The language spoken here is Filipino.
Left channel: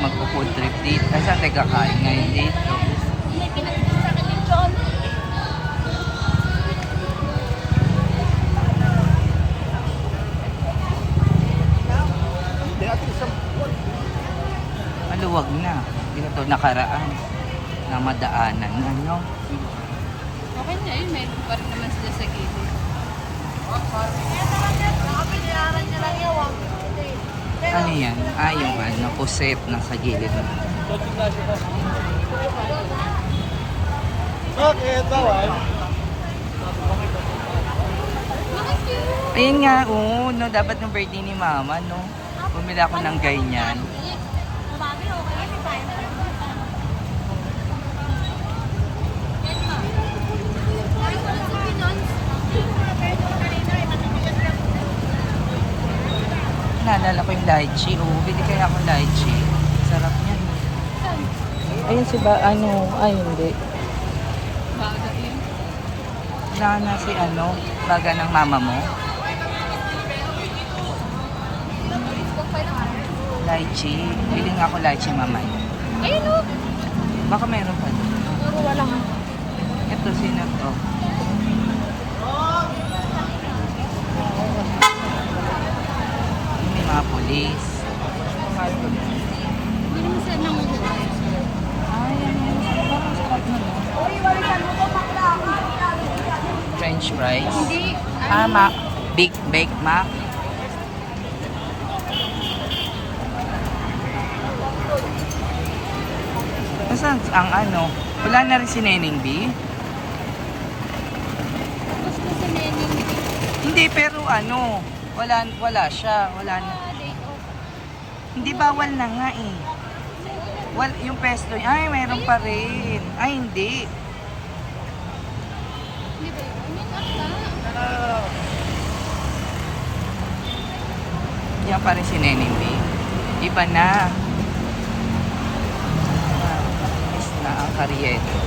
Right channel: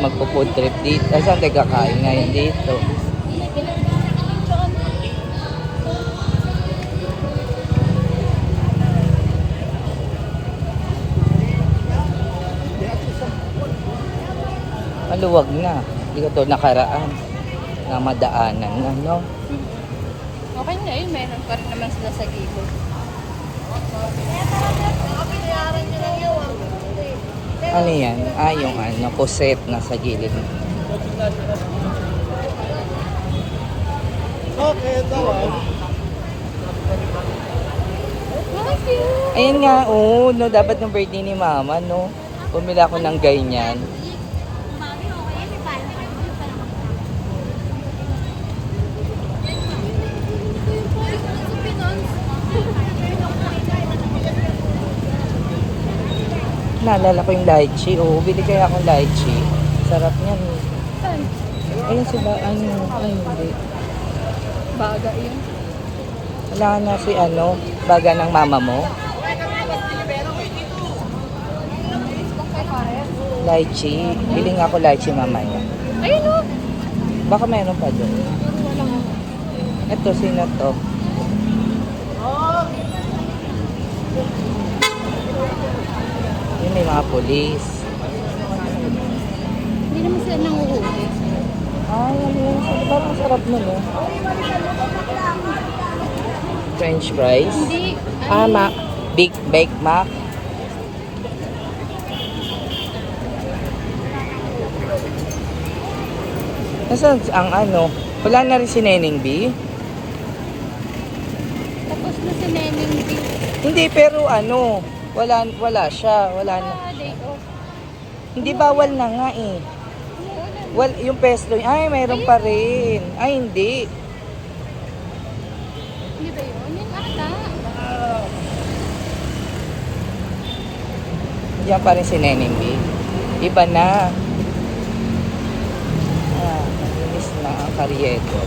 magpo-food trip dito. Saan tayo kakain ngayon dito? Maluwag na. Hindi ko ito nakaraan. Na madaanan. Ano? Okay na yun, meron pa naman sila sa gilid. Ano yan? Ah, yung ano, puset na sa gilid. Ayan nga, oh, no, dapat ng birthday ni mama, no? Bumili ako ng ganyan. Naalala ko yung lychee. Oo, bili kaya akong lychee. Sarap niyan. Ayun si ba, ano, ay hindi. Baga yun. Wala na si ano, baga ng mama mo. Lychee. Bili nga ako lychee mamaya. Baka meron pa doon. Ito, sino to? Yun may mga polis. Hindi naman sila nanguhuli. Ay, ano yun? Parang sarap nun, eh. French fries. Hindi. Ah, Mac. Big Baked Mac. Nasaan ang ano? Wala na rin si Neneng B? Tapos na si Neneng. Hindi, pero ano, wala siya. Wala na. Hindi, bawal na nga eh. Yung pesto, ay, mayroon pa rin. Ay, hindi. Yan pa rin si Neneng B. Iba na. Malinis na ang karyeto.